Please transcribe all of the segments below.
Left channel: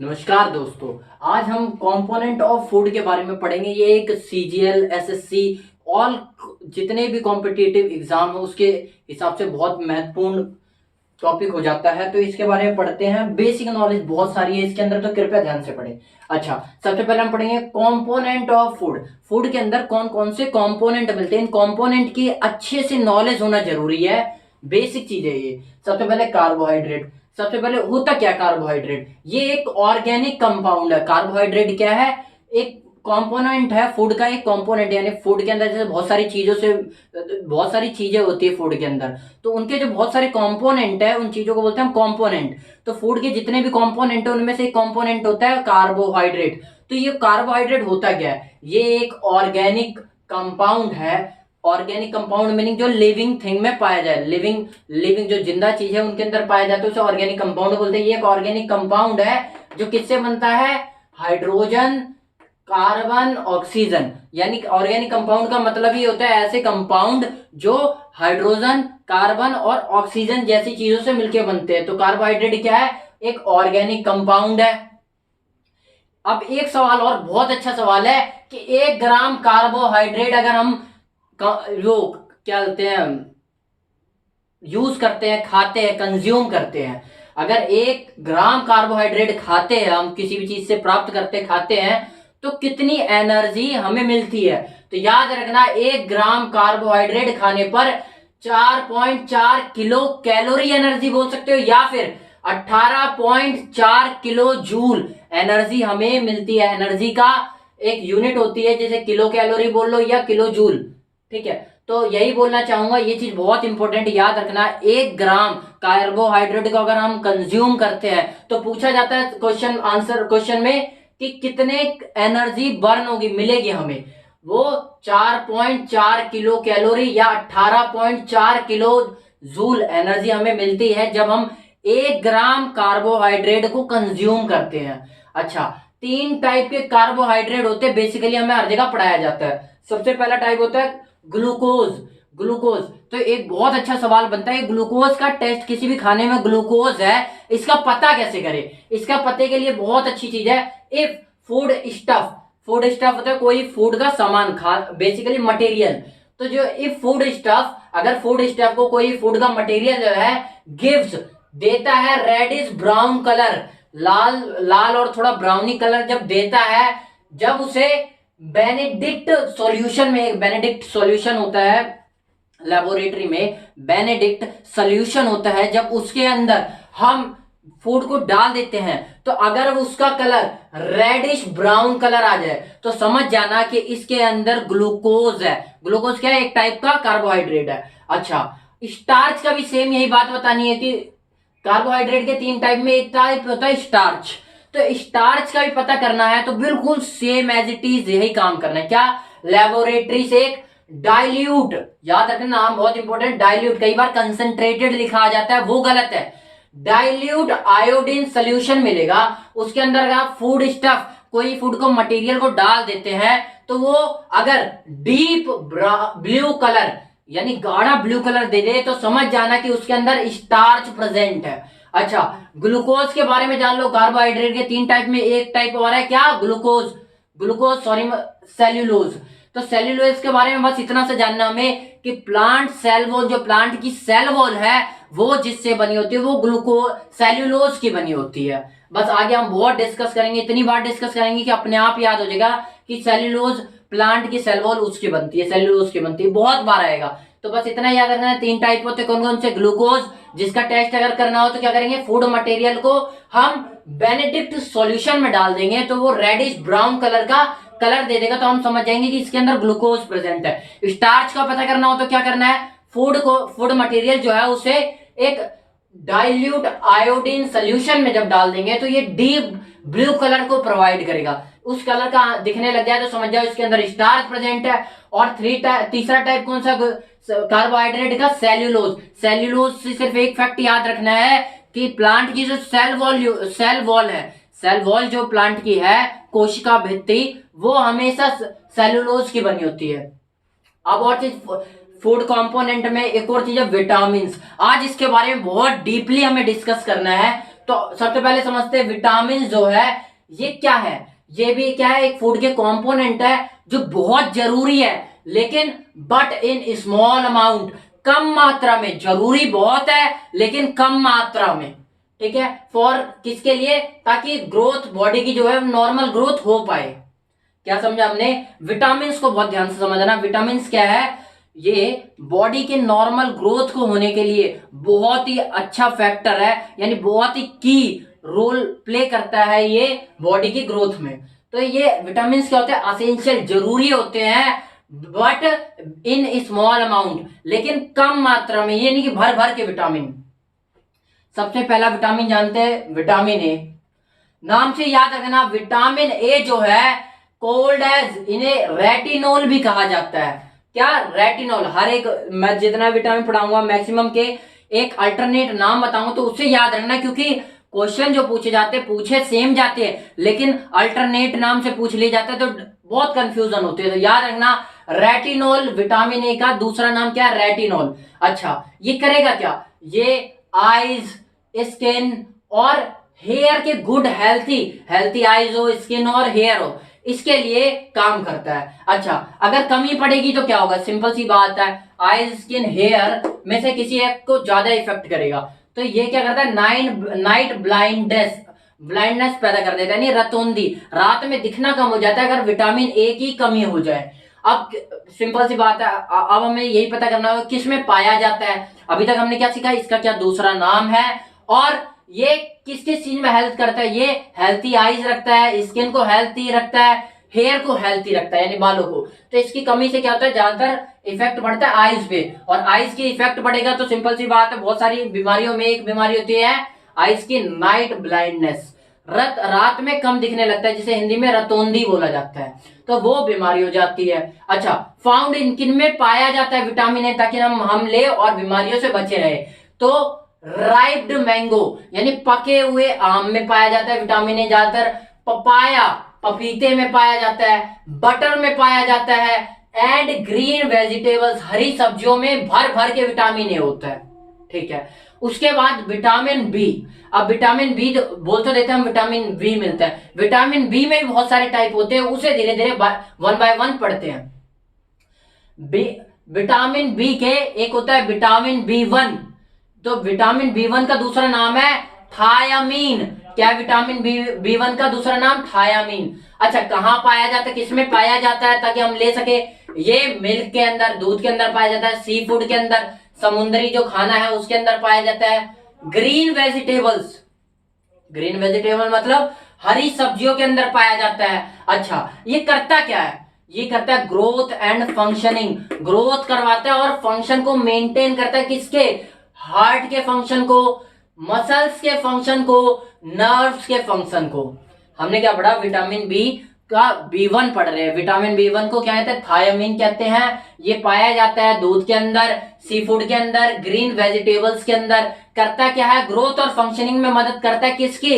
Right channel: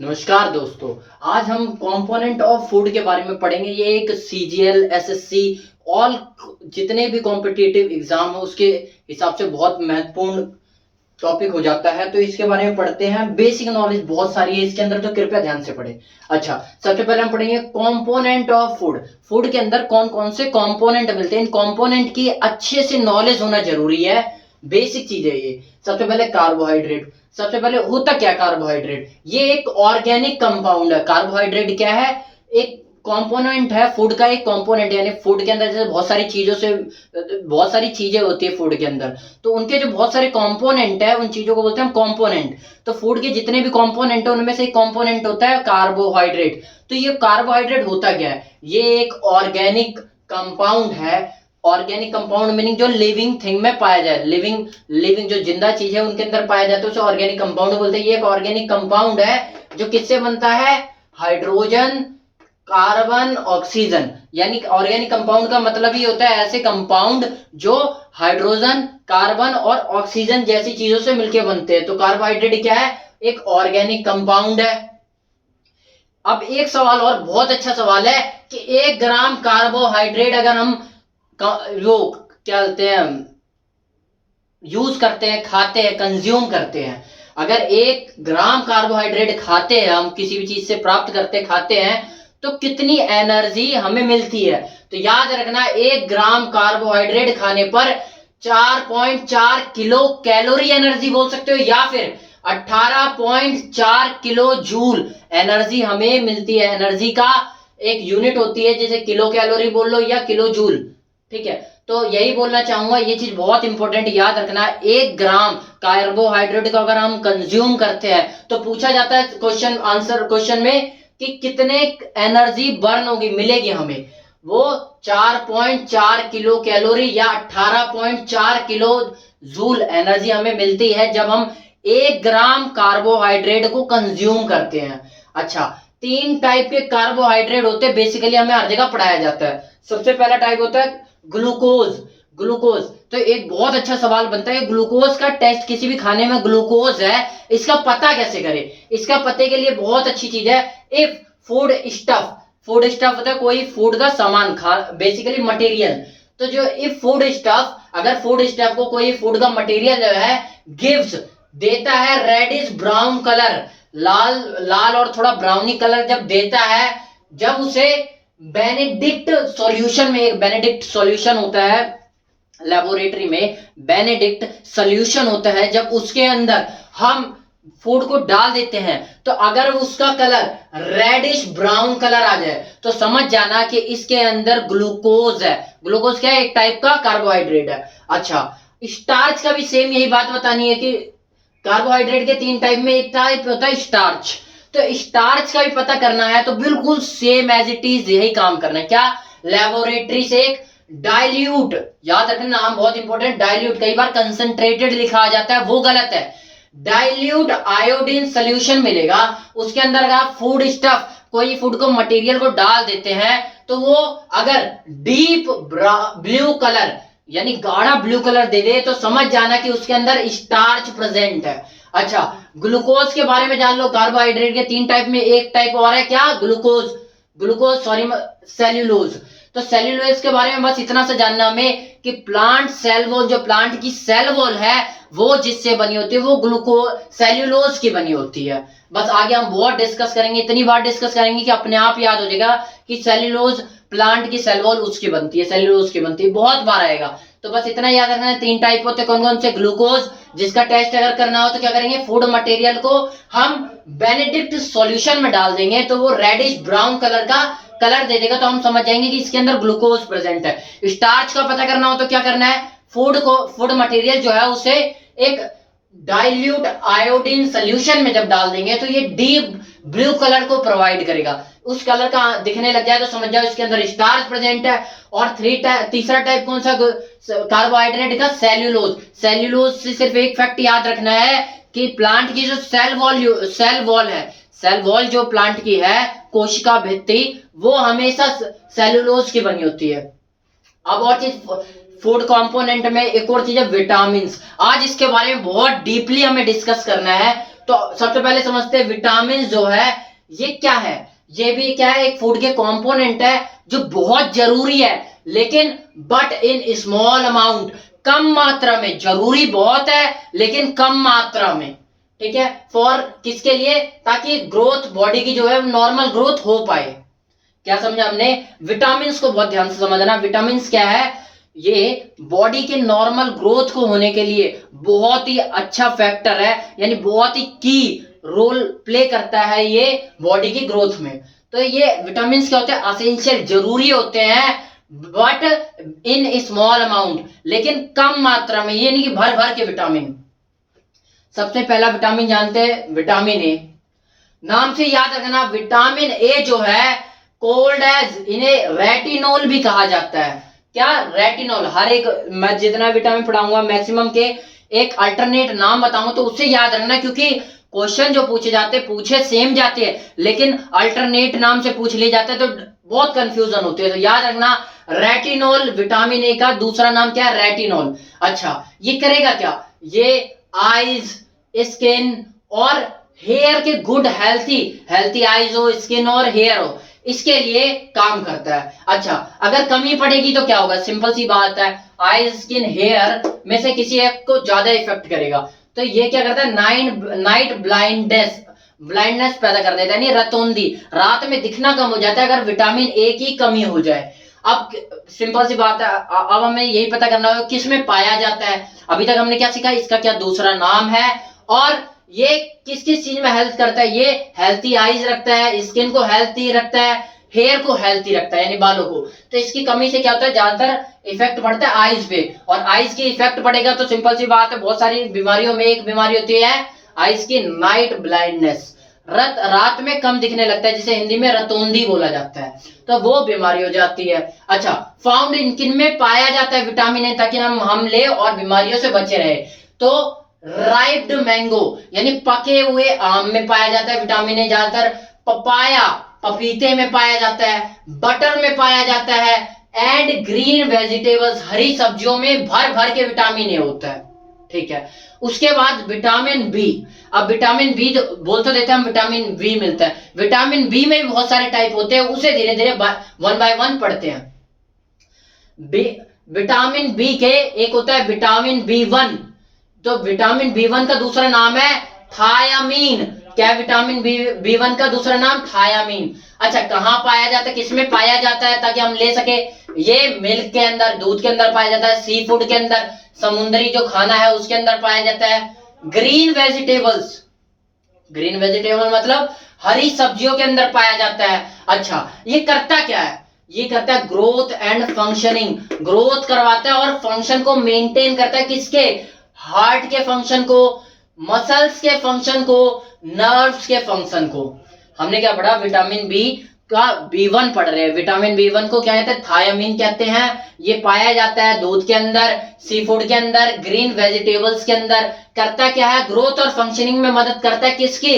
नमस्कार दोस्तों। आज हम कंपोनेंट ऑफ फूड के बारे में पढ़ेंगे। ये एक सीजीएल एसएससी ऑल जितने भी कॉम्पिटिटिव एग्जाम हो उसके हिसाब से बहुत महत्वपूर्ण टॉपिक हो जाता है। तो इसके बारे में पढ़ते हैं। बेसिक नॉलेज बहुत सारी है इसके अंदर, तो कृपया ध्यान से पढ़ें। अच्छा, सबसे पहले हम पढ़ेंगे कंपोनेंट ऑफ फूड। फूड के अंदर कौन कौन से कंपोनेंट मिलते हैं, इन कंपोनेंट की अच्छे से नॉलेज होना जरूरी है। बेसिक चीज है ये। सबसे पहले कार्बोहाइड्रेट। सबसे पहले होता क्या कार्बोहाइड्रेट, ये एक ऑर्गेनिक कंपाउंड है। कार्बोहाइड्रेट क्या है, एक कंपोनेंट है फूड का, एक कंपोनेंट। यानी फूड के अंदर जैसे बहुत सारी चीजों से बहुत सारी चीजें होती है फूड के अंदर, तो उनके जो बहुत सारे कंपोनेंट है उन चीजों को बोलते हैं हम कंपोनेंट। तो फूड के जितने भी कंपोनेंट है उनमें से एक कंपोनेंट होता है कार्बोहाइड्रेट। तो ये कार्बोहाइड्रेट होता क्या है, ये एक ऑर्गेनिक कंपाउंड है। ऑर्गेनिक कंपाउंड मीनिंग जो लिविंग थिंग में पाया जाए, लिविंग लिविंग जो जिंदा चीज है उनके अंदर पाया जाता है उसे ऑर्गेनिक कंपाउंड बोलते हैं। ये एक ऑर्गेनिक कंपाउंड है जो किससे बनता है, हाइड्रोजन, कार्बन, ऑक्सीजन। यानी ऑर्गेनिक कंपाउंड का मतलब ही होता है ऐसे कंपाउंड जो हाइड्रोजन, कार्बन और ऑक्सीजन जैसी चीजों से मिलकर बनते हैं। तो कार्बोहाइड्रेट क्या है, एक ऑर्गेनिक कंपाउंड है। अब एक सवाल और बहुत अच्छा सवाल है कि 1 ग्राम कार्बोहाइड्रेट अगर हम वो क्या बोलते हैं यूज करते हैं, खाते हैं, कंज्यूम करते हैं, अगर 1 ग्राम कार्बोहाइड्रेट खाते हैं, हम किसी भी चीज से प्राप्त करते खाते हैं, तो कितनी एनर्जी हमें मिलती है। तो याद रखना 1 ग्राम कार्बोहाइड्रेट खाने पर 4.4 किलो कैलोरी एनर्जी बोल सकते हो, या फिर 18.4 किलो जूल एनर्जी हमें मिलती है। एनर्जी का एक यूनिट होती है, जैसे किलो कैलोरी बोल लो या किलो जूल, ठीक है। तो यही बोलना चाहूंगा, ये चीज बहुत इंपॉर्टेंट याद रखना। 1 ग्राम कार्बोहाइड्रेट को अगर हम कंज्यूम करते हैं तो पूछा जाता है क्वेश्चन में कि कितने एनर्जी बर्न होगी, मिलेगी हमें। वो 4.4 किलो कैलोरी या 18.4 किलो जूल एनर्जी हमें मिलती है जब हम 1 ग्राम कार्बोहाइड्रेट को कंज्यूम करते हैं। अच्छा, 3 टाइप के कार्बोहाइड्रेट होते हैं, बेसिकली हमें हर जगह पढ़ाया जाता है। सबसे पहला टाइप होता है ग्लूकोज। ग्लूकोज, तो एक बहुत अच्छा सवाल बनता है, ग्लूकोज का टेस्ट, किसी भी खाने में ग्लूकोज है, इसका पता कैसे करें। इसका पते के लिए बहुत अच्छी चीज है, if food stuff. Food stuff होता है कोई फूड का सामान, खा बेसिकली मटेरियल। तो जो इफ फूड स्टफ, अगर फूड स्टफ को कोई फूड का मटेरियल है गिव्स, देता है रेडिश ब्राउन कलर, लाल लाल और थोड़ा ब्राउनी कलर जब देता है, जब उसे बेनेडिक्ट सॉल्यूशन में, एक बेनेडिक्ट सॉल्यूशन होता है लेबोरेटरी में, बेनेडिक्ट सॉल्यूशन होता है, जब उसके अंदर हम फूड को डाल देते हैं तो अगर उसका कलर रेडिश ब्राउन कलर आ जाए तो समझ जाना कि इसके अंदर ग्लूकोज है। ग्लूकोज क्या है, एक टाइप का कार्बोहाइड्रेट है। अच्छा, स्टार्च का भी सेम यही बात बतानी है कि कार्बोहाइड्रेट के 3 टाइप में एक टाइप होता है स्टार्च। तो स्टार्च का भी पता करना है तो बिल्कुल सेम एज इट इज यही काम करना है। क्या, लेबोरेटरी से एक डाइल्यूट, याद रखना नाम बहुत इंपॉर्टेंट, डाइल्यूट, कई बार कंसंट्रेटेड लिखा आ जाता है, वो गलत है। डाइल्यूट आयोडीन सोल्यूशन मिलेगा, उसके अंदर अगर आप फूड स्टफ, कोई फूड को मटेरियल को डाल देते हैं तो वो अगर डीप ब्लू कलर यानी गाढ़ा ब्लू कलर दे दे तो समझ जाना कि उसके अंदर स्टार्च प्रेजेंट है। अच्छा, ग्लूकोज के बारे में जान लो। कार्बोहाइड्रेट के 3 टाइप में एक टाइप और है, क्या, ग्लूकोज, ग्लूकोज सॉरी सेल्यूलोज। तो सेल्यूलोज के बारे में बस इतना सा जानना हमें कि प्लांट सेल वॉल, जो प्लांट की सेल वॉल है वो जिससे बनी होती है वो ग्लूकोज सेल्यूलोज की बनी होती है। बस आगे हम बहुत डिस्कस करेंगे, इतनी बार डिस्कस करेंगे कि अपने आप याद हो जाएगा कि सेल्यूलोज प्लांट की सेल वॉल उसकी बनती है, सेल्यूलोज की बनती है, बहुत बार आएगा। तो बस इतना याद रखना है। 3 टाइप होते हैं, कौन कौन से, ग्लूकोज, जिसका टेस्ट अगर करना हो तो क्या करेंगे, फूड मटेरियल को हम बेनेडिक्ट सॉल्यूशन में डाल देंगे तो वो रेडिश ब्राउन कलर का कलर दे देगा, तो हम समझ जाएंगे कि इसके अंदर ग्लूकोज प्रेजेंट है। स्टार्च का पता करना हो तो क्या करना है, फूड मटेरियल जो है उसे एक डाइल्यूट आयोडीन सोल्यूशन में जब डाल देंगे तो ये डीप ब्लू कलर को प्रोवाइड करेगा। उस कलर का दिखने लग जाए तो समझ जाओ इसके अंदर स्टार्च प्रेजेंट है। और तीसरा टाइप कौन सा कार्बोहाइड्रेट का, सेल्यूलोज। सेल्यूलोज से सिर्फ एक फैक्ट याद रखना है कि प्लांट की जो सेल वॉल जो प्लांट की है, कोशिका भित्ति, वो हमेशा सेल्यूलोज की बनी होती है। अब और चीज, फूड कंपोनेंट में एक और चीज है विटामिन। आज इसके बारे में बहुत डीपली हमें डिस्कस करना है तो सबसे पहले समझते हैं विटामिन जो है ये क्या है। ये भी क्या है, एक फूड के कंपोनेंट है जो बहुत जरूरी है, लेकिन बट इन स्मॉल अमाउंट, कम मात्रा में। जरूरी बहुत है लेकिन कम मात्रा में, ठीक है। फॉर किसके लिए, ताकि ग्रोथ बॉडी की जो है नॉर्मल ग्रोथ हो पाए। क्या समझा हमने, विटामिन को बहुत ध्यान से समझना। विटामिन क्या है, ये बॉडी के नॉर्मल ग्रोथ को होने के लिए बहुत ही अच्छा फैक्टर है, यानी बहुत ही की रोल प्ले करता है ये बॉडी की ग्रोथ में। तो ये विटामिन क्या होते हैं, असेंशियल, जरूरी होते हैं, बट इन स्मॉल अमाउंट, लेकिन कम मात्रा में। ये नहीं कि भर भर के विटामिन। सबसे पहला विटामिन जानते हैं, विटामिन ए। नाम से याद रखना, विटामिन ए जो है कोल्ड एज, इन्हें रेटिनोल भी कहा जाता है। क्या, रेटिनोल। हर एक, मैं जितना विटामिन पढ़ाऊंगा मैक्सिमम के एक अल्टरनेट नाम बताऊंगा, तो उससे याद रखना, क्योंकि क्वेश्चन जो पूछे जाते हैं, पूछे सेम जाते हैं, लेकिन अल्टरनेट नाम से पूछ लिए जाते हैं, तो बहुत कंफ्यूजन होती है। तो याद रखना, रेटिनोल विटामिन ए का दूसरा नाम क्या है, रेटिनोल। अच्छा, ये करेगा क्या, ये आईज, स्किन और हेयर के गुड हेल्थी आईज हो, स्किन और हेयर हो, इसके लिए काम करता है। अच्छा, अगर कमी पड़ेगी तो क्या होगा, सिंपल सी बात है, आई, स्किन, हेयर में से किसी एक को ज्यादा इफेक्ट करेगा। तो ये क्या करता है, नाइट ब्लाइंडनेस पैदा कर देता है, यानी रतौंधी, रात में दिखना कम हो जाता है अगर विटामिन ए की कमी हो जाए। अब सिंपल सी बात है, अब हमें यही पता करना होगा किस में पाया जाता है। अभी तक हमने क्या सीखा, इसका क्या दूसरा नाम है, और ये किस किस चीज में हेल्थ करता है। ये हेल्थी आईज रखता है, स्किन को हेल्थी रखता है, हेयर को हेल्थी रखता है, यानी बालों को। तो इसकी कमी से क्या होता है, ज्यादातर इफेक्ट पड़ता है आईज पे, और आईज की इफेक्ट पड़ेगा तो सिंपल सी बात है, बहुत सारी बीमारियों में एक बीमारी होती है आईज की, नाइट ब्लाइंडनेस, रात में कम दिखने लगता है, जिसे हिंदी में रतौंधी बोला जाता है, तो वो बीमारी हो जाती है। अच्छा, फाउंड इन किन में पाया जाता है विटामिन ए, ताकि हम ले और बीमारियों से बचे रहे। तो राइप्ड मैंगो, यानी पके हुए आम में पाया जाता है विटामिन ए ज्यादातर, पपाया, पपीते में पाया जाता है, बटर में पाया जाता है, एंड ग्रीन वेजिटेबल्स, हरी सब्जियों में भर भर के विटामिन ए होता है, ठीक है। उसके बाद विटामिन बी। अब विटामिन बी बोल तो देते हैं हम, विटामिन बी मिलता है। विटामिन बी में भी बहुत सारे टाइप होते हैं, उसे धीरे धीरे वन बाय वन पढ़ते हैं। विटामिन बी के एक होता है विटामिन बी1, तो विटामिन बी1 का दूसरा नाम है थायामीन। क्या, विटामिन बी1 का दूसरा नाम थायामीन। अच्छा, कहां पाया जाता है, किसमें पाया जाता है, ताकि हम ले सके, ये मिल्क के अंदर, दूध के अंदर पाया जाता है, सी फूड के अंदर, समुद्री जो खाना है उसके अंदर पाया जाता है, ग्रीन वेजिटेबल्स, ग्रीन वेजिटेबल मतलब हरी सब्जियों के अंदर पाया जाता है। अच्छा, ये करता क्या है, ये करता है ग्रोथ एंड फंक्शनिंग, ग्रोथ करवाता है और फंक्शन को मेंटेन करता है, किसके, हार्ट के फंक्शन को, मसल्स के फंक्शन को, नर्व्स के फंक्शन को। हमने क्या पढ़ा, विटामिन बी का बी1 पढ़ रहे हैं। विटामिन बी1 को क्या कहते हैं, थायामीन कहते हैं। ये पाया जाता है दूध के अंदर, सी फूड के अंदर, ग्रीन वेजिटेबल्स के अंदर। करता क्या है, ग्रोथ और फंक्शनिंग में मदद करता है, किसकी,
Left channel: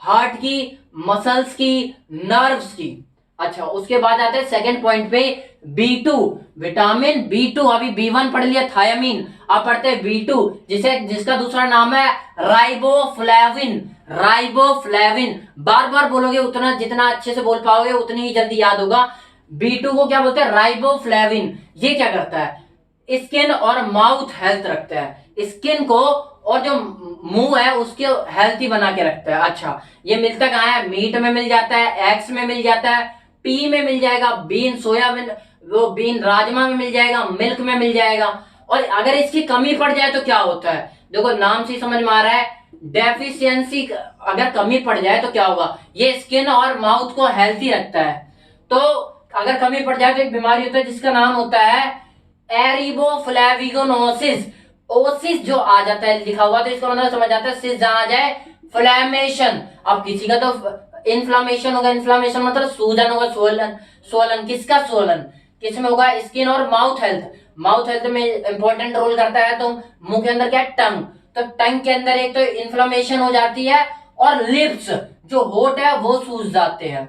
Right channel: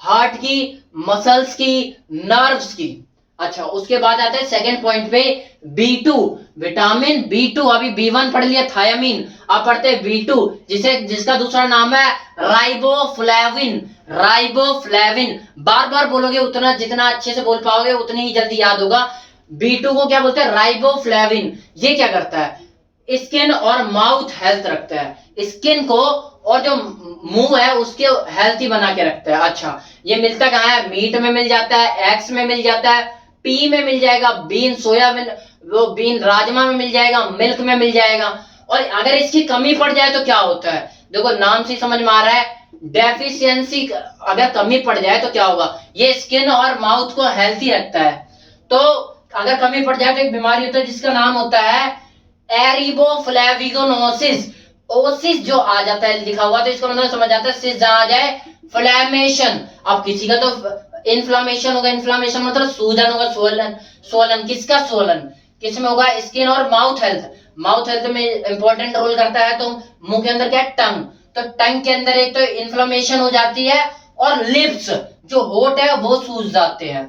हार्ट की, मसल्स की, नर्व्स की। अच्छा, उसके बाद आते हैं सेकंड पॉइंट पे, बी2, विटामिन बी2। अभी बी1 पढ़ लिया थायामीन, अब पढ़ते हैं बी2, जिसका दूसरा नाम है राइबोफ्लेविन। राइबोफ्लेविन बार बार बोलोगे उतना, जितना अच्छे से बोल पाओगे उतनी ही जल्दी याद होगा। बी2 को क्या बोलते हैं, राइबोफ्लेविन। ये क्या करता है, स्किन और माउथ हेल्थ रखता है, स्किन को और जो मुंह है उसके हेल्थी बना के रखता है। अच्छा, ये मिलता कहाँ है, मीट में मिल जाता है, एग्स में मिल जाता है, पी में मिल जाएगा, बीन, सोयाबीन, वो बीन, राजमा में मिल जाएगा, मिल्क में मिल जाएगा। और अगर इसकी कमी पड़ जाए तो क्या होता है, देखो नाम से समझ में आ रहा है, डेफिशिएंसी, अगर कमी पड़ जाए तो क्या होगा, ये स्किन और माउथ को हेल्थी रखता है। तो अगर कमी पड़ जाए तो एक बीमारी होता है जिसका नाम होता है एरिबोफ्लेविनोसिस। ओसिस जो आ जाता है लिखा हुआ, तो इसका मतलब समझ आता है, सिस जहां आ जाए, फ्लैमेशन। अब किसी का तो इन्फ्लामेशन होगा, इन्फ्लामेशन मतलब सूजन होगा, सोलन, सोलन किसका, सोलन किस में होगा, स्किन और माउथ हेल्थ। माउथ हेल्थ में इंपॉर्टेंट रोल करता है, तो मुंह के अंदर क्या है, टंग, तो टंग के अंदर एक तो इन्फ्लामेशन हो जाती है, और लिप्स जो होठ है वो सूज जाते हैं,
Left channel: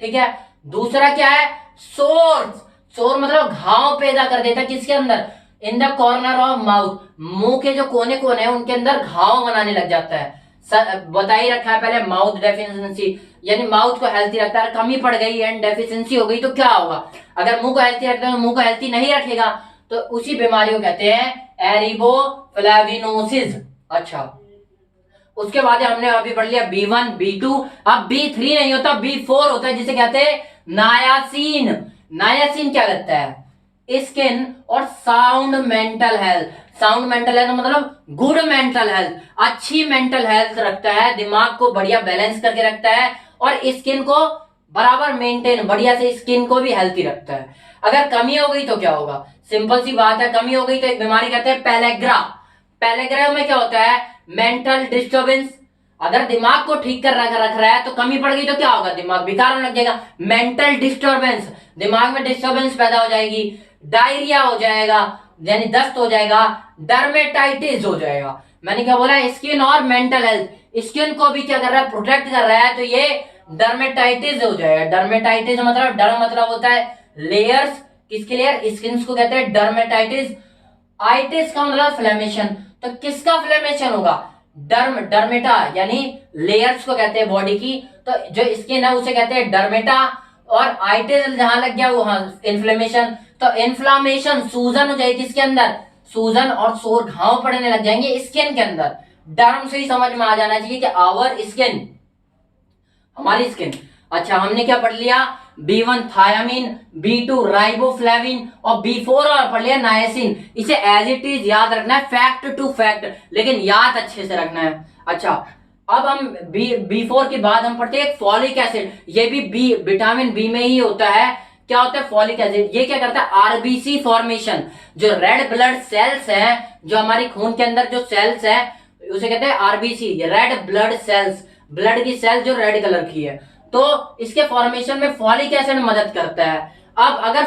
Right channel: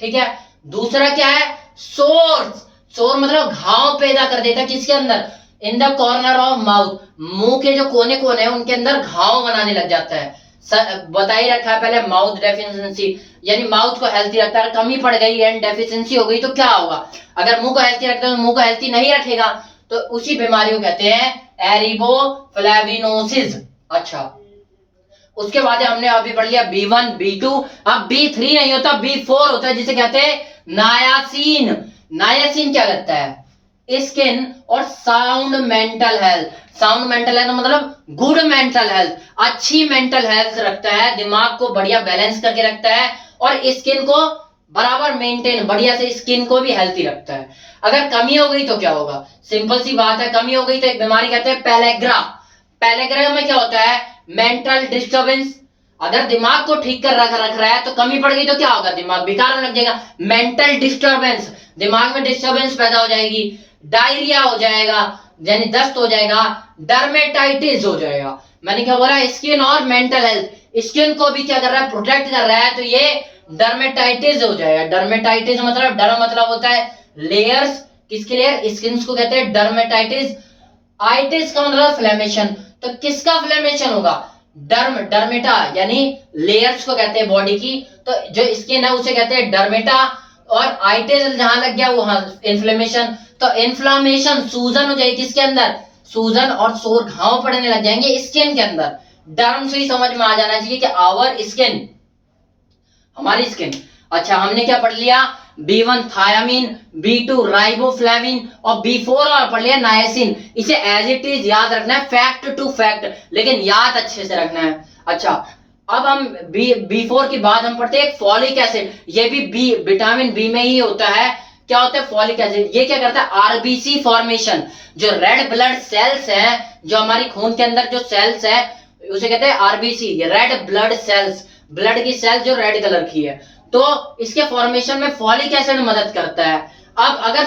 ठीक है। दूसरा क्या है, सोर्स, सोर मतलब घाव पैदा कर देता है, किसके अंदर, in the corner of mouth, मुंह के जो कोने कोने हैं उनके अंदर घाव बनाने लग जाता है। बता ही रखा है पहले, माउथ डेफिशिएंसी, यानी माउथ को हेल्थी रखता है। कमी पड़ गई एंड डेफिशिएंसी हो गई तो क्या होगा? अगर मुंह को हेल्थी रखता है तो मुंह को हेल्थी नहीं रखेगा, तो उसी बीमारी को कहते हैं एरिबोफ्लेविनोसिस। अच्छा, उसके बाद हमने अभी पढ़ लिया B1 B2, अब B3 नहीं होता, B4 होता है, जिसे कहते हैं नायासिन। नायासिन क्या करता है? स्किन और sound mental health. Sound mental health मतलब गुड मेंटल हेल्थ, अच्छी मेंटल हेल्थ रखता है, दिमाग को बढ़िया बैलेंस करके रखता है, और स्किन को बराबर मेंटेन, बढ़िया से स्किन को भी हेल्थी रखता है। अगर कमी हो गई तो क्या होगा? सिंपल सी बात है, कमी हो गई तो एक बीमारी कहते हैं पेलेग्रा। पेलेग्रा में क्या होता है? Mental disturbance. अगर दिमाग को ठीक कर रख रहा है तो कमी पड़ गई तो क्या होगा? दिमाग बेकार होने लग जाएगा। मेंटल डिस्टर्बेंस, दिमाग में डिस्टर्बेंस पैदा हो जाएगी, डायरिया हो जाएगा, यानी दस्त हो जाएगा, डर्मेटाइटिस हो जाएगा। मैंने क्या बोला? स्किन और मेंटल हेल्थ। स्किन को भी क्या कर रहा है? प्रोटेक्ट कर रहा है, तो ये डर्मेटाइटिस हो जाएगा। डर्मेटाइटिस मतलब, डर मतलब होता है लेयर्स, किसके लेयर? स्किन को कहते हैं डर्मेटाइटिस। आइटिस का मतलब फ्लेमेशन, तो किसका फ्लेमेशन होगा? डर्मेटा, यानी लेयर्स को कहते हैं बॉडी की, तो जो स्किन है उसे कहते हैं डर्मेटा, और आइटिस जहां लग गया वहां इन्फ्लेमेशन। तो इन्फ्लामेशन, सूजन हो जाएगी किसके अंदर? सूजन और सोर, घाव पड़ने लग जाएंगे स्किन के अंदर। टर्म से ही समझ में आ जाना चाहिए कि आवर स्किन, हमारी स्किन। अच्छा, हमने क्या पढ़ लिया? B1 थायामीन, B2 राइबोफ्लेविन, और B4 और पढ़ लिया नायसिन। इसे एज इट इज याद रखना है, फैक्ट टू फैक्ट, लेकिन याद अच्छे से रखना है। अच्छा, अब हम B4 के बाद हम पढ़ते हैं फॉलिक एसिड। ये भी विटामिन बी में ही होता है। क्या होता है फॉलिक एसिड? ये क्या करता है? आरबीसी फॉर्मेशन, जो रेड ब्लड सेल्स हैं, जो हमारी खून के अंदर जो सेल्स हैं उसे कहते हैं RBC, red blood cells, blood की सेल जो रेड कलर की है, तो इसके फॉर्मेशन में फॉलिक एसिड मदद करता है। अब अगर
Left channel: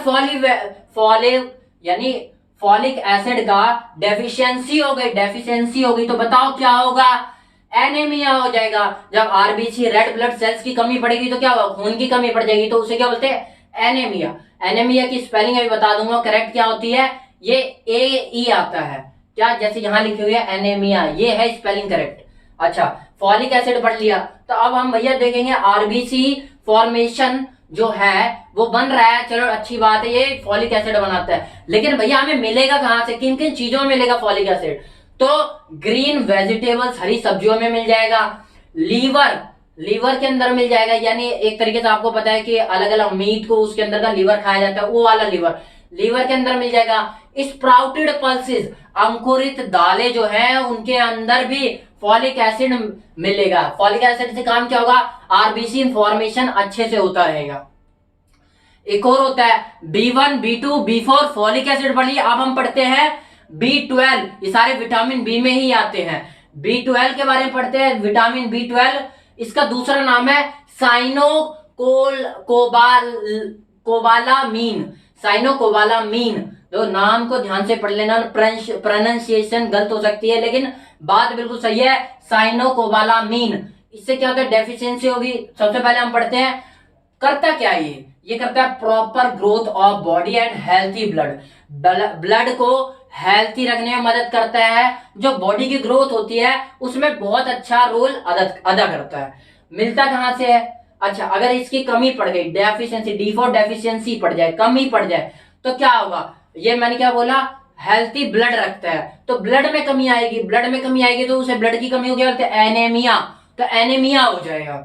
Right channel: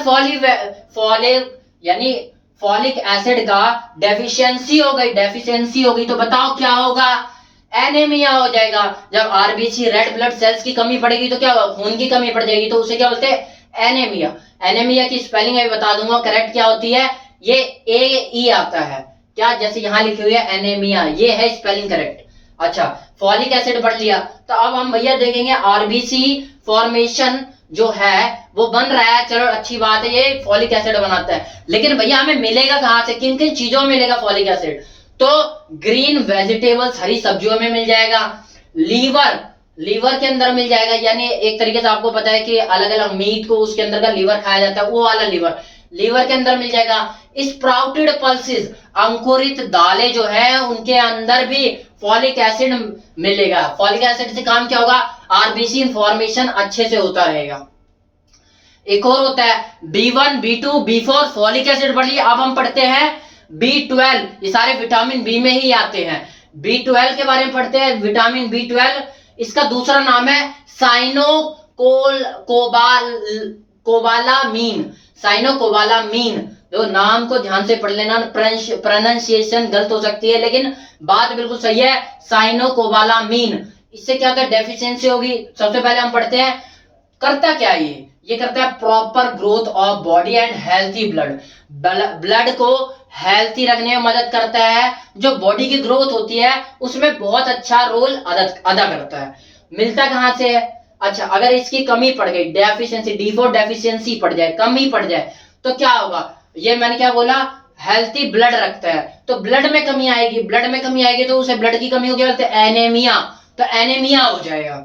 फॉलिक यानी फॉलिक एसिड का डेफिशिएंसी हो गई तो बताओ क्या होगा? एनीमिया हो जाएगा। जब आरबीसी रेड ब्लड सेल्स की कमी पड़ेगी तो क्या होगा? खून की कमी पड़ जाएगी, तो उसे क्या बोलते हैं? एनीमिया। एनीमिया की स्पेलिंग अभी बता दूंगा करेक्ट क्या होती है। ये AE आता है क्या? जैसे यहां लिखी हुई है एनीमिया, ये है स्पेलिंग करेक्ट। अच्छा, फॉलिक एसिड पढ़ लिया, तो अब हम भैया देखेंगे आरबीसी फॉर्मेशन जो है वो बन रहा है। चलो अच्छी बात है, ये फॉलिक एसिड बनाता है, लेकिन भैया हमें मिलेगा कहां से? किन किन चीजों में मिलेगा फॉलिक एसिड? तो ग्रीन वेजिटेबल्स, हरी सब्जियों में मिल जाएगा। लीवर के अंदर मिल जाएगा, यानी एक तरीके से आपको पता है कि अलग अलग मीट को उसके अंदर का लीवर खाया जाता है, वो वाला लीवर के अंदर मिल जाएगा। स्प्राउटेड पल्सेस, अंकुरित दालें जो है उनके अंदर भी फॉलिक एसिड मिलेगा। फॉलिक एसिड से काम क्या होगा? आरबीसी फॉर्मेशन अच्छे से होता रहेगा। एक और होता है B1 B2 B4, folic acid पढ़ लिया। अब हम पढ़ते हैं B12, ये सारे विटामिन बी में ही आते हैं। B12 के बारे में पढ़ते हैं। विटामिन B12, इसका दूसरा नाम है साइनोकोबालामीन। तो नाम को ध्यान से पढ़ लेना, प्रोनाउंसिएशन गलत हो सकती है लेकिन बात बिल्कुल सही है। साइनोकोबालामीन, इससे क्या होता है? डेफिशिएंसी होगी। सबसे पहले हम पढ़ते हैं करता क्या है ये करता है proper growth of body and healthy blood को हेल्थी रखने में मदद करता है। जो बॉडी की ग्रोथ होती है उसमें बहुत अच्छा रोल अदा करता है। मिलता कहां से है? अच्छा, अगर इसकी कमी पड़ गई, डेफिशिएंसी, D4 डेफिशिएंसी पड़ जाए, कमी पड़ जाए, तो क्या होगा? ये मैंने क्या बोला? हेल्थी ब्लड रखता है, तो ब्लड में कमी आएगी, तो उसे ब्लड की कमी हो गया, बोलते हैं एनीमिया, तो एनीमिया हो जाएगा।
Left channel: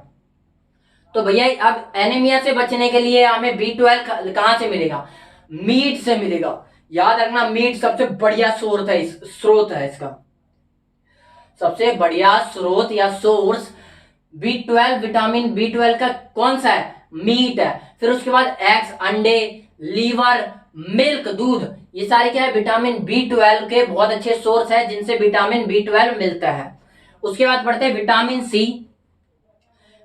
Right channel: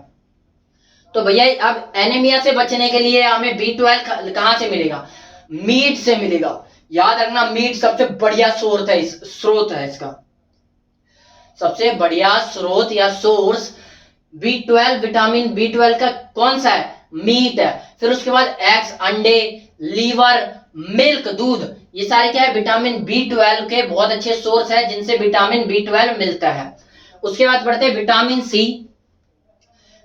तो भैया अब एनीमिया से बचने के लिए हमें B12 कहां से मिलेगा? मीट से मिलेगा। याद रखना, मीट सबसे बढ़िया स्रोत है इसका, सबसे बढ़िया स्रोत या सोर्स B12, विटामिन B12 का कौन सा है? मीट है। फिर उसके बाद एग्स, अंडे, लीवर, मिल्क, दूध, ये सारे क्या है? विटामिन B12 के बहुत अच्छे सोर्स है जिनसे विटामिन B12 मिलता है। उसके बाद पढ़ते हैं विटामिन सी।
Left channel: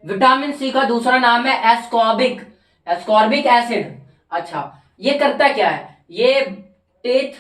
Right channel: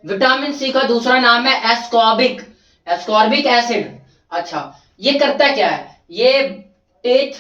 विटामिन सी का दूसरा नाम है एस्कॉर्बिक एसिड। अच्छा, ये करता क्या है? ये टीथ,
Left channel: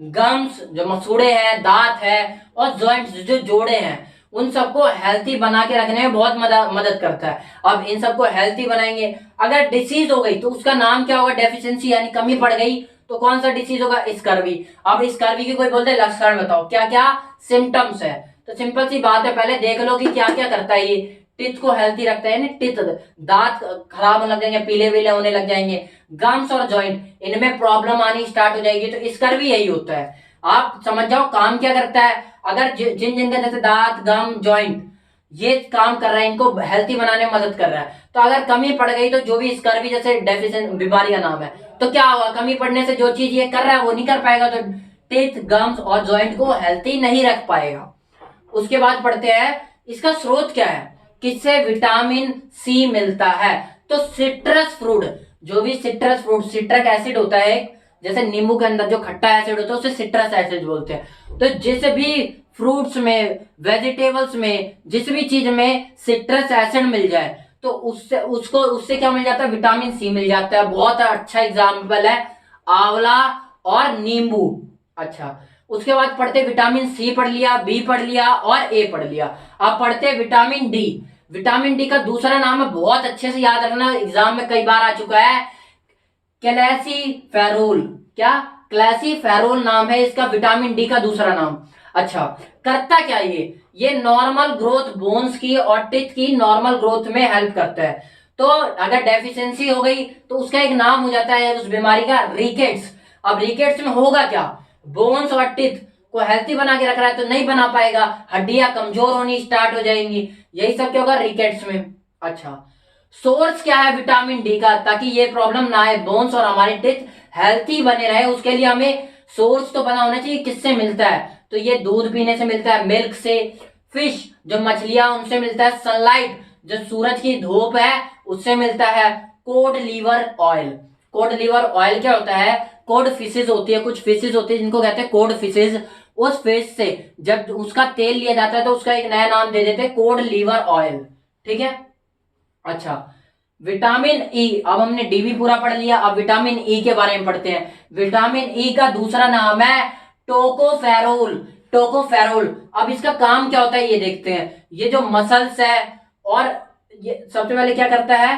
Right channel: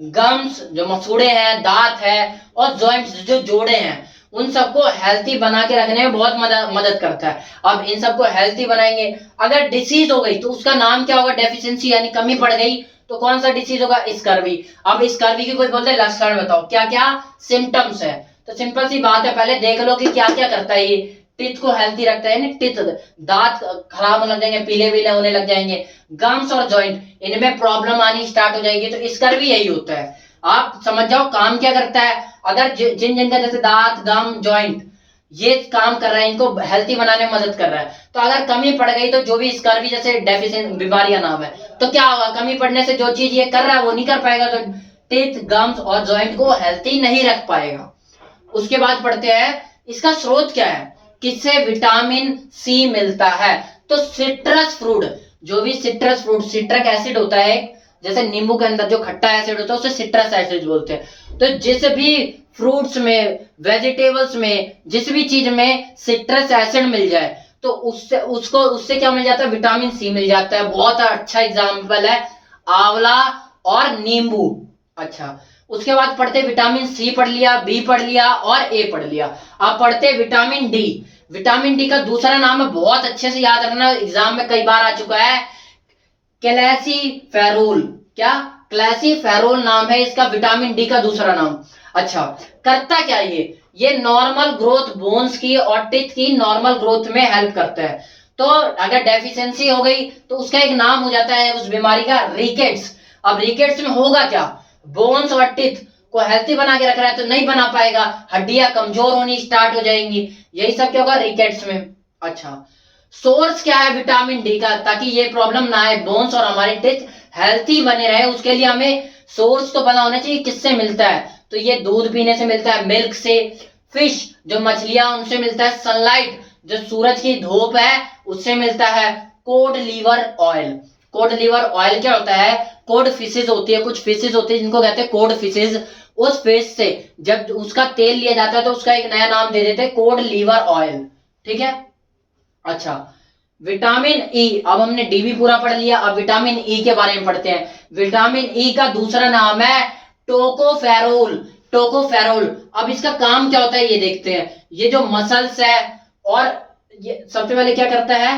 गम्स, जो मसूड़े हैं, दांत है, और जॉइंट्स, जो जोड़े हैं, उन सबको हेल्थी बना के रखने में बहुत मदद करता है। अब इन सबको हेल्थी बनाएंगे। अगर डिसीज हो गई तो उसका नाम क्या होगा? डेफिशिएंसी, यानी कमी पड़ गई, तो कौन सा डिसीज होगा? स्कर्वी। अब स्कर्वी की कोई बोलते हैं लक्षण बताओ, क्या क्या सिम्टम्स है? तो सिंपल सी बात है, पहले देख लो कि क्या क्या करता है ये। टीथ को हेल्थी रखता है, यानी टीथ, दांत खराब होने लग जाएंगे, पीले पीले होने लग जाएंगे। गम्स और जॉइंट, इनमें प्रॉब्लम आनी स्टार्ट हो जाएगी। तो इसका भी यही होता है, आप समझ जाओ काम क्या करता है। अगर जिन जिन का जैसे दांत, गम, जॉइंट ये काम कर रहा है, इनको हेल्थी बनाने में मदद कर रहा है। तो अगर कमी पड़ गई तो जो भी स्कर्वी जैसे डेफिशिएंट बीमारी का नाम है, तो क्या होगा, कमी पड़ने से जो चीज ये कर रहा है वो नहीं कर पाएगा, तो टीथ, गम्स और जॉइंट को हेल्थी नहीं रख पाएगा। उसके बाद पढ़ते हैं इसका स्रोत क्या है, किससे विटामिन सी मिलता है। तो सिट्रस फ्रूट, जो भी सिट्रस फ्रूट, सिट्रिक एसिड होता है, जैसे नींबू के अंदर जो खट्टा एसिड होता है उसे सिट्रस एसिड बोलते हैं। तो जिस भी फ्रूट्स में, वेजिटेबल्स में, जिस भी चीज में सिट्रस एसिड मिल जाए तो उससे क्या मिल जाता है, विटामिन सी मिल जाता है। बहुत अच्छा एग्जाम्पल है आंवला और नींबू। अच्छा, उसके बाद पढ़ते विटामिन सी पढ़ लिया, बी पढ़ लिया और ए पढ़ लिया। अब पढ़ते विटामिन डी। विटामिन डी का दूसरा नाम है, बहुत अच्छे से याद रखना, एग्जाम में कई बार आ चुका है, क्लैसीफेरोल। क्या, क्लैसीफेरोल नाम है इसका, विटामिन डी का दूसरा नाम। अच्छा, करता क्या ये नॉर्मल ग्रोथ, बोन्स की और टिथ की नॉर्मल ग्रोथ में हेल्प करता है। तो अगर डेफिशिएंसी हो गई तो उसका एक नाम हो जाता है उस बीमारी का, रिकेट्स। अब रिकेट्स में होगा क्या, बोन्स और टिथ को हेल्थी बना के रख रहा है तो नहीं बना पाएगा, हड्डियां कमजोर होनी स्टार्ट हो जाएंगी, यही सब क्या होगा रिकेट्स में। अच्छा, सोर्स क्या है विटामिन डी का, ताकि ये प्रॉब्लम ना आए, बोन्स और हमारे टिथ हेल्थी बने रहे, उसके लिए हमें सोर्स तो पता होना चाहिए किससे मिलता है। तो ये दूध पीने से मिलता है, मिल्क से, फिश जो मछलियां उनसे मिलता है, सनलाइट जो सूरज की धूप है उससे मिलता है, cod liver oil. Cod liver oil क्या होता है, कोड फिशेज होती है, कुछ फिशेज होती है जिनको कहते हैं कोड फिशेज, उस फिश से जब उसका तेल लिया जाता है तो उसका एक नया नाम दे देते हैं, कोड लीवर ऑयल। ठीक है। अच्छा, विटामिन ई, अब हमने डी भी पूरा पढ़ लिया, अब विटामिन ई के बारे में पढ़ते हैं। विटामिन ई का दूसरा नाम है टोकोफेरोल। टोकोफेरोल, अब इसका काम क्या होता है ये देखते हैं। ये जो मसल्स है, और ये सबसे पहले क्या करता है,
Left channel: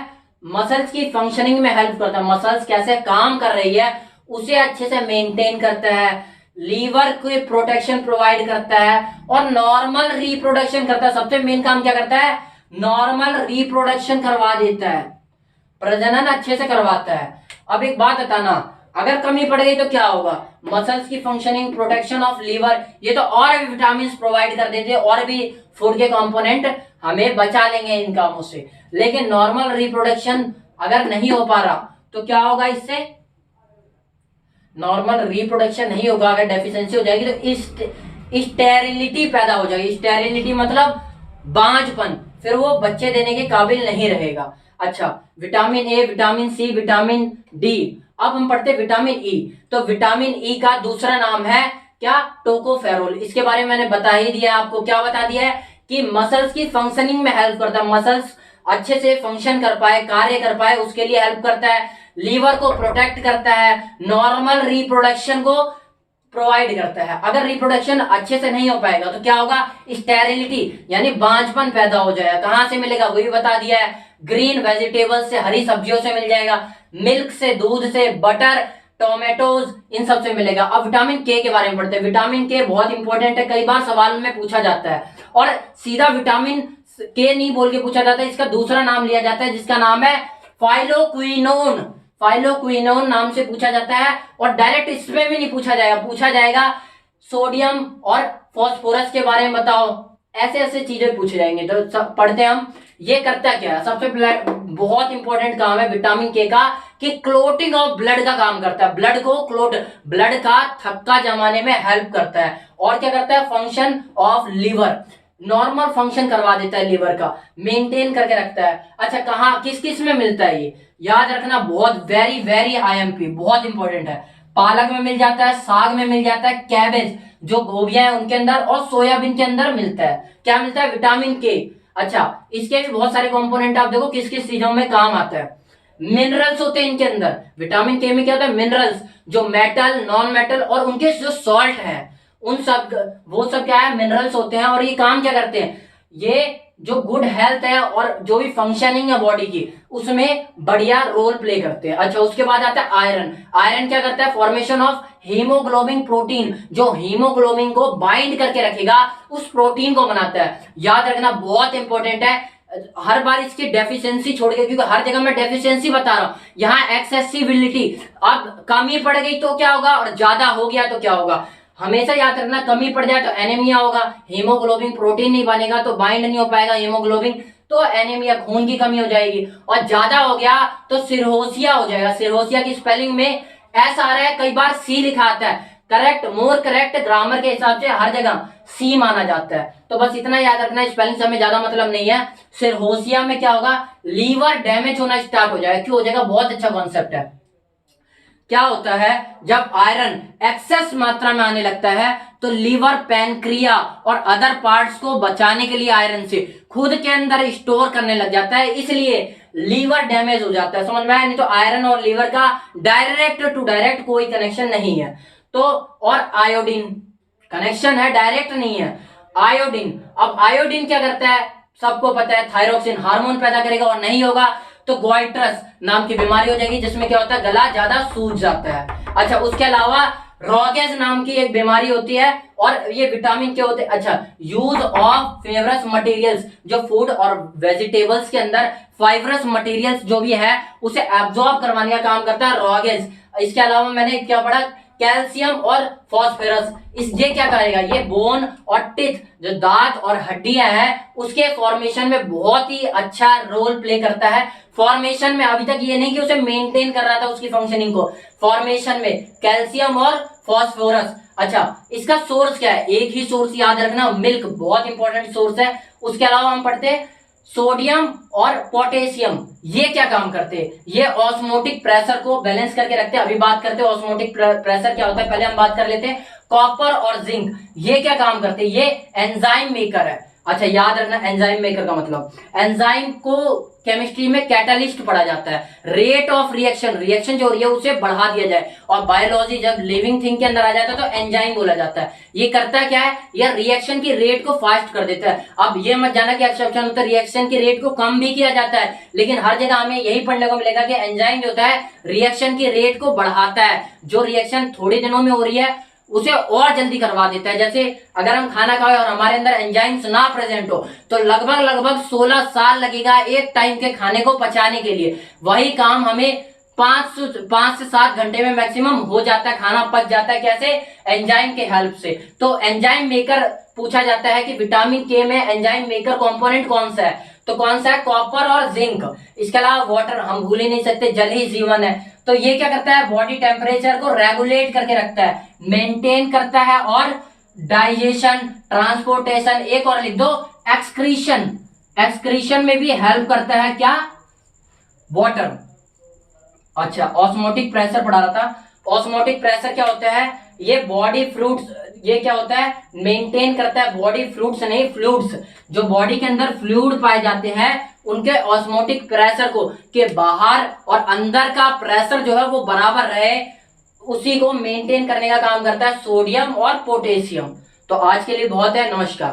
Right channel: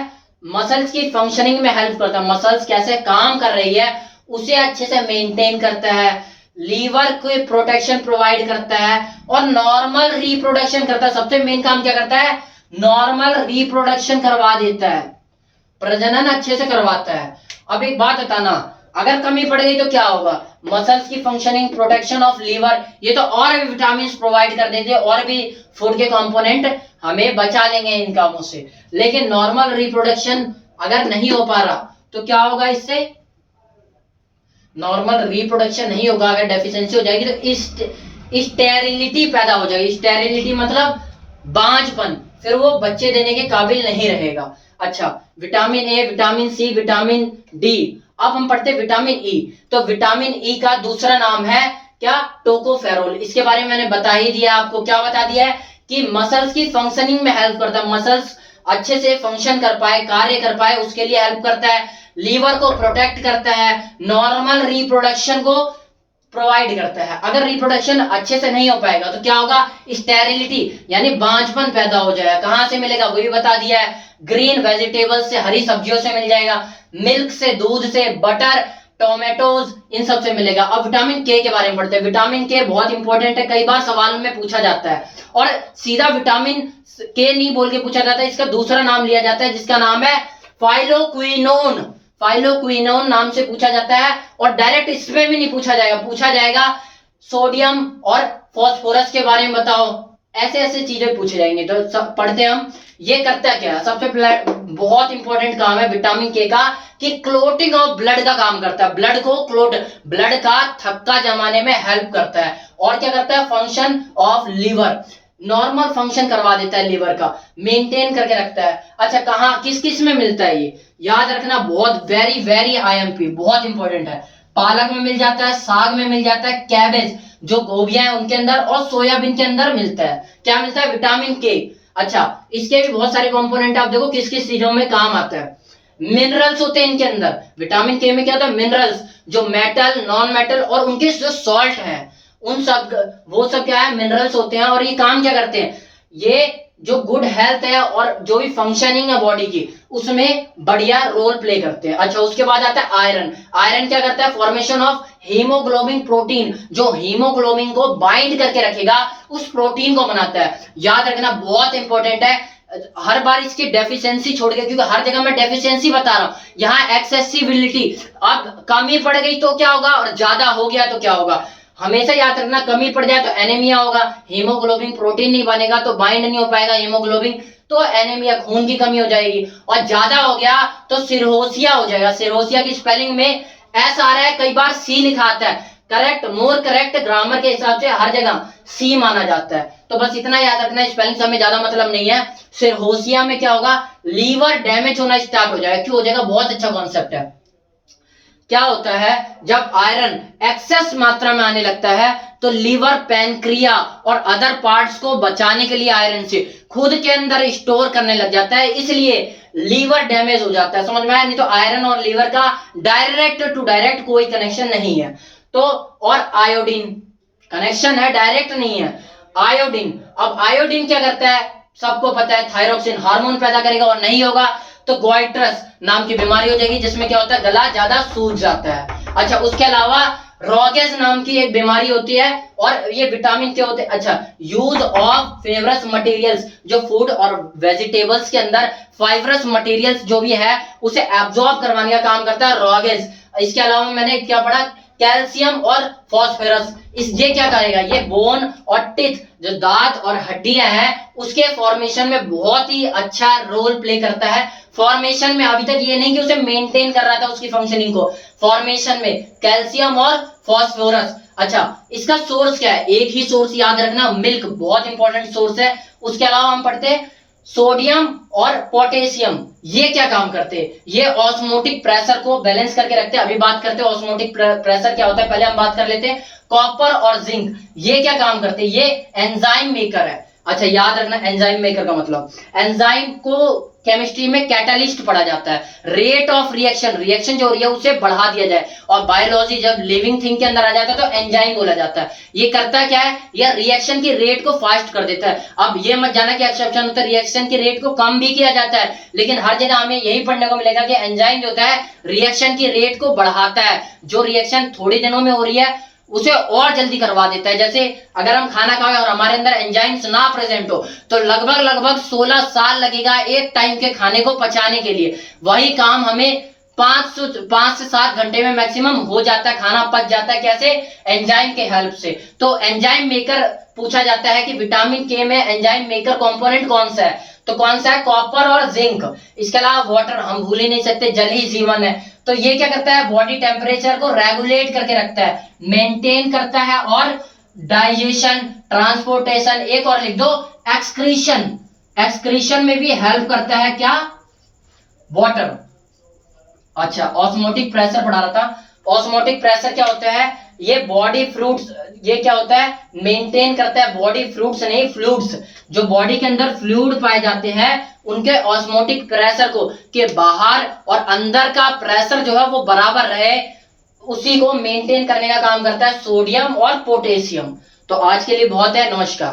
मसल्स की फंक्शनिंग में हेल्प करता है, मसल्स कैसे काम कर रही है उसे अच्छे से मेंटेन करता है, लीवर को प्रोटेक्शन प्रोवाइड करता है और नॉर्मल रिप्रोडक्शन करता है। सबसे मेन काम क्या करता है, नॉर्मल रिप्रोडक्शन करवा देता है, प्रजनन अच्छे से करवाता है। अब एक बात बताना, अगर कमी पड़ गई तो क्या होगा, मसल्स की फंक्शनिंग, प्रोटेक्शन ऑफ लीवर, ये तो और भी विटामिन प्रोवाइड कर देते हैं, और भी फूड के कंपोनेंट हमें बचा लेंगे इन कामों से। लेकिन नॉर्मल रिप्रोडक्शन अगर नहीं हो पा रहा तो क्या होगा, इससे नॉर्मल रिप्रोडक्शन नहीं होगा, अगर डेफिशिएंसी हो जाएगी तो स्टेरिलिटी पैदा हो जाएगी। स्टेरिलिटी मतलब बांझपन, फिर वो बच्चे देने के काबिल नहीं रहेगा। अच्छा, vitamin A, vitamin C, vitamin D. अब हम पढ़ते विटामिन ई। तो विटामिन ई का दूसरा नाम है क्या, टोकोफेरोल। इसके बारे में मैंने बता ही दिया आपको, क्या बता दिया है कि मसल्स की फंक्शनिंग में हेल्प करता है, मसल्स अच्छे से फंक्शन कर पाए, कार्य कर पाए, उसके लिए हेल्प करता है, लीवर को प्रोटेक्ट करता है, नॉर्मल रिप्रोडक्शन को प्रोवाइड करता है। अगर रिप्रोडक्शन अच्छे से नहीं हो पाएगा तो क्या होगा, स्टेरिलिटी यानी बांझपन पैदा हो जाएगा। कहां से मिलेगा वो भी बता दिया है, ग्रीन वेजिटेबल्स से, हरी सब्जियों से मिल जाएगा, मिल्क से, दूध से, बटर, टोमेटोज, इन सब से मिलेगा। अब विटामिन के बारे में पढ़ते हैं। विटामिन के बहुत इंपॉर्टेंट है, कई बार सवाल में पूछा जाता है, और सीधा विटामिन के नहीं बोल के पूछा जाता है, इसका दूसरा नाम लिया जाता है जिसका नाम है फाइलोक्विनोन। फाइलोक्विनोन नाम से पूछा जाता है, और डायरेक्ट इसमें भी नहीं पूछा जाएगा, पूछा जाएगा सोडियम और फास्फोरस के बारे में बताओ, ऐसे ऐसे चीजें पूछे जाएंगे। तो पढ़ते हैं हम, ये करता क्या है, सबसे बहुत इंपॉर्टेंट काम है विटामिन के का कि क्लोटिंग ऑफ ब्लड का काम करता है, ब्लड को क्लोट, ब्लड का थक्का जमाने में हेल्प करता है। और क्या करता है, function of liver, normal function करवा देता है, लीवर का मेंटेन करके रखता है। अच्छा, कहाँ किस किस में मिलता है ये याद रखना, बहुत वेरी वेरी आईएमपी, बहुत इंपॉर्टेंट है। पालक में मिल जाता है, साग में मिल जाता है, कैबेज जो गोभियां हैं उनके अंदर, और सोयाबीन के अंदर मिलता है। क्या मिलता है, विटामिन के। अच्छा, इसके भी बहुत सारे कंपोनेंट, आप देखो किस किस चीजों में काम आता है। मिनरल्स होते हैं इनके अंदर, विटामिन के में क्या होता है, मिनरल्स, जो मेटल, नॉन मेटल और उनके जो सॉल्ट हैं, उन सब, वो सब क्या है, मिनरल्स होते हैं। और ये काम क्या करते हैं, ये जो गुड हेल्थ है और जो भी फंक्शनिंग है बॉडी की उसमें बढ़िया रोल प्ले करते हैं। अच्छा, उसके बाद आता है आयरन। आयरन क्या करता है? फॉर्मेशन ऑफ हीमोग्लोबिन प्रोटीन, जो हीमोग्लोबिन को बाइंड करके रखेगा उस प्रोटीन को बनाता है। याद रखना बहुत इंपॉर्टेंट है, हर बार इसकी डेफिशिएंसी छोड़ के, क्योंकि हर जगह मैं डेफिशिएंसी बता रहा हूं, यहाँ एक्सेसिबिलिटी। अब कमी पड़ गई तो क्या होगा और ज्यादा हो गया तो क्या होगा? हमेशा याद रखना, कमी पड़ जाए तो एनीमिया होगा, हीमोग्लोबिन प्रोटीन नहीं बनेगा तो बाइंड नहीं हो पाएगा हीमोग्लोबिन, तो एनीमिया खून की कमी हो जाएगी। और ज्यादा हो गया तो सिरहोसिया हो जाएगा। सिरहोसिया की स्पेलिंग में एस आ रहा है, कई बार सी लिखा आता है। करेक्ट, मोर करेक्ट ग्रामर के हिसाब से हर जगह सी माना जाता है। तो बस इतना याद रखना, स्पेलिंग से हमें ज्यादा मतलब नहीं है। सिरहोसिया में क्या होगा? लीवर डैमेज होना स्टार्ट हो जाएगा। क्यों हो जाएगा? बहुत अच्छा कॉन्सेप्ट है। क्या होता है जब आयरन एक्सेस मात्रा में आने लगता है तो लीवर, पैनक्रिया और अदर पार्ट्स को बचाने के लिए आयरन से खुद के अंदर स्टोर करने लग जाता है, इसलिए लीवर डैमेज हो जाता है। समझ में आया? नहीं तो आयरन और लीवर का डायरेक्ट टू डायरेक्ट कोई कनेक्शन नहीं है। तो और आयोडीन कनेक्शन है, डायरेक्ट नहीं है। आयोडीन, अब आयोडीन क्या करता है? सबको पता है, थायरोक्सिन हार्मोन पैदा करेगा, और नहीं होगा तो गोइट्रस नाम की बीमारी हो जाएगी, जिसमें क्या होता है? गला ज्यादा सूज जाता है। अच्छा, उसके अलावा रॉगेज नाम की एक बीमारी होती है, और ये विटामिन क्या होते हैं? अच्छा, यूज ऑफ फेवरस मटेरियल्स, जो फूड और वेजिटेबल्स के अंदर फाइबरस मटेरियल्स जो भी है उसे एब्जॉर्ब करवाने का काम करता है रॉगेज। इसके अलावा मैंने क्या पढ़ा? कैल्शियम और फॉस्फोरस। ये क्या करेगा? ये बोन और टिथ, जो दांत और हड्डियां हैं, उसके फॉर्मेशन में बहुत ही अच्छा रोल प्ले करता है। फॉर्मेशन में अभी तक ये नहीं कि उसे मेंटेन कर रहा था उसकी फंक्शनिंग को, फॉर्मेशन में कैल्शियम और फॉस्फोरस। अच्छा, इसका सोर्स क्या है? एक ही सोर्स याद रखना, मिल्क बहुत इंपॉर्टेंट सोर्स है। उसके अलावा हम पढ़ते हैं सोडियम और पोटेशियम। ये क्या काम करते हैं? ये ऑस्मोटिक प्रेशर को बैलेंस करके रखते हैं। अभी बात करते हैं ऑस्मोटिक प्रेशर क्या होता है, पहले हम बात कर लेते हैं कॉपर और जिंक। ये क्या काम करते हैं? ये एंजाइम मेकर है। अच्छा, याद रखना एंजाइम मेकर का मतलब, एंजाइम को केमिस्ट्री में कैटालिस्ट पढ़ा जाता है। रेट ऑफ रिएक्शन, रिएक्शन जो हो रही है उसे बढ़ा दिया जाए, और बायोलॉजी जब लिविंग थिंग के अंदर आ जाता है तो एंजाइम बोला जाता है। ये करता क्या है? यह रिएक्शन की रेट को फास्ट कर देता है। अब ये मत जाना कि एक्सेप्शन होता है, रिएक्शन की रेट को कम भी किया जाता है, लेकिन हर जगह हमें यही पढ़ने को मिलेगा कि एंजाइम जो होता है रिएक्शन की रेट को बढ़ाता है। जो रिएक्शन थोड़े दिनों में हो रही है उसे और जल्दी करवा देता है। जैसे अगर हम खाना खाएं और हमारे अंदर एंजाइम्स ना प्रेजेंट हो तो लगभग 16 साल लगेगा एक टाइम के खाने को पचाने के लिए। वही काम हमें 5 से 7 घंटे में मैक्सिमम हो जाता है, खाना पच जाता है। कैसे? एंजाइम के हेल्प से। तो एंजाइम मेकर पूछा जाता है कि विटामिन के में एंजाइम मेकर कंपोनेंट कौन सा है, तो कौन सा है? कॉपर और जिंक। इसके अलावा वाटर हम भूल ही नहीं सकते, जल ही जीवन है। तो ये क्या करता है? बॉडी टेम्परेचर को रेगुलेट करके रखता है, मेंटेन करता है, और डाइजेशन, ट्रांसपोर्टेशन, एक और लिख दो एक्सक्रीशन, एक्सक्रीशन में भी हेल्प करता है। क्या? वाटर। अच्छा, ऑस्मोटिक प्रेशर पढ़ा रहा था। ऑस्मोटिक प्रेशर क्या होता है? ये बॉडी फ्लूइड्स, ये क्या होता है? मेंटेन करता है बॉडी फ्लूइड्स नहीं फ्लूइड्स, जो बॉडी के अंदर फ्लूइड पाए जाते हैं उनके ऑस्मोटिक प्रेशर को, के बाहर और अंदर का प्रेशर जो है वो बराबर रहे, उसी को मेंटेन करने का काम करता है सोडियम और पोटेशियम। तो आज के लिए बहुत है, नमस्कार।